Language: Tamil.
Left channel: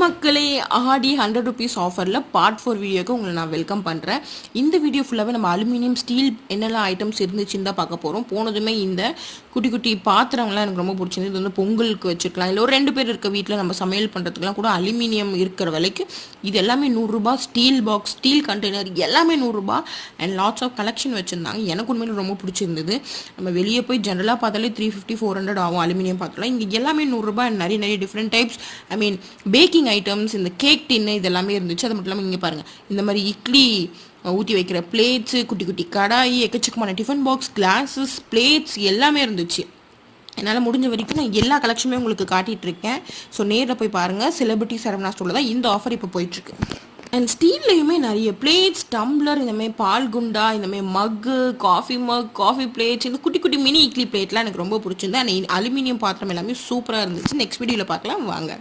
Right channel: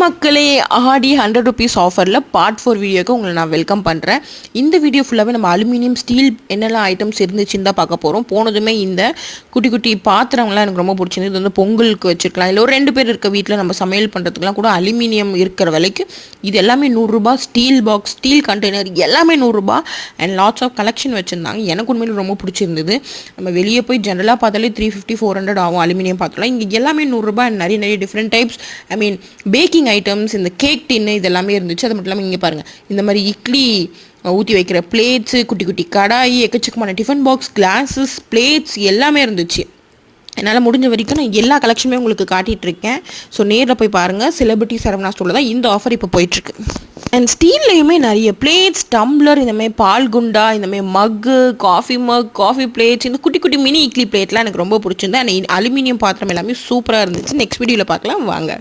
மக்களே, ஆடி 100 ருபீஸ் ஆஃபரில் பார்ட் 4 வீடியோக்கு உங்களை நான் வெல்கம் பண்ணுறேன். இந்த வீடியோ ஃபுல்லாகவே நம்ம அலுமினியம் ஸ்டீல் என்னெல்லாம் ஐட்டம்ஸ் இருந்துச்சுன்னு தான் பார்க்க போகிறோம். போனதுமே இந்த குட்டி குட்டி பாத்திரங்கள்லாம் எனக்கு ரொம்ப பிடிச்சிருந்து. இது வந்து பொங்கலுக்கு வச்சுருக்கலாம், இல்லை ஒரு 2 பேர் இருக்க வீட்டில் நம்ம சமையல் பண்ணுறதுக்குலாம் கூட அலுமினியம் இருக்கிற விலைக்கு இது எல்லாமே 100 ரூபா. ஸ்டீல் பாக்ஸ், ஸ்டீல் கண்டெய்னர் எல்லாமே 100 ரூபா. அண்ட் லாட்ஸ் ஆஃப் கலெக்ஷன் வச்சுருந்தாங்க. எனக்கு உண்மையில ரொம்ப பிடிச்சிருந்தது. நம்ம வெளியே போய் ஜென்ரலாக பார்த்தாலே 350-400 ஆகும் அலுமினியம் பாத்திரம். இங்கே எல்லாமே 100 ரூபா. அண்ட் நிறைய டிஃப்ரெண்ட் டைப்ஸ், ஐ மீன் பேக்கிங் ஐட்டம்ஸ், இந்த கேக் டின்னு இதெல்லாமே இருந்துச்சு. அது மட்டும் இல்லாமல் இங்கே பாருங்கள், இந்த மாதிரி இட்லி ஊற்றி வைக்கிற பிளேட்ஸு, குட்டி குட்டி கடாயி, எக்கச்சக்கமான டிஃபன் பாக்ஸ், கிளாஸஸ், பிளேட்ஸ் எல்லாமே இருந்துச்சு. என்னால் முடிஞ்ச வரைக்கும் நான் எல்லா கலெக்ஷனுமே உங்களுக்கு காட்டிகிட்ருக்கேன். ஸோ நேரில் போய் பாருங்கள். செலிபிரிட்டி சரவணா ஸ்டோரில் தான் இந்த ஆஃபர் இப்போ போயிட்டுருக்கு. அண்ட் ஸ்டீல்லையுமே நிறைய பிளேட்ஸ், டம்ளர், இந்தமாதிரி பால் குண்டா, இந்தமாதிரி மக்கு, காஃபி மக், காஃபி பிளேட்ஸ், இந்த குட்டி குட்டி மினி இட்லி பிளேட்லாம் எனக்கு ரொம்ப பிடிச்சிருந்தேன். அண்ட் அலுமினியம் பாத்திரம் எல்லாமே சூப்பராக இருந்துச்சு. நெக்ஸ்ட் வீடியோவில் பார்க்கலாம் வாங்க.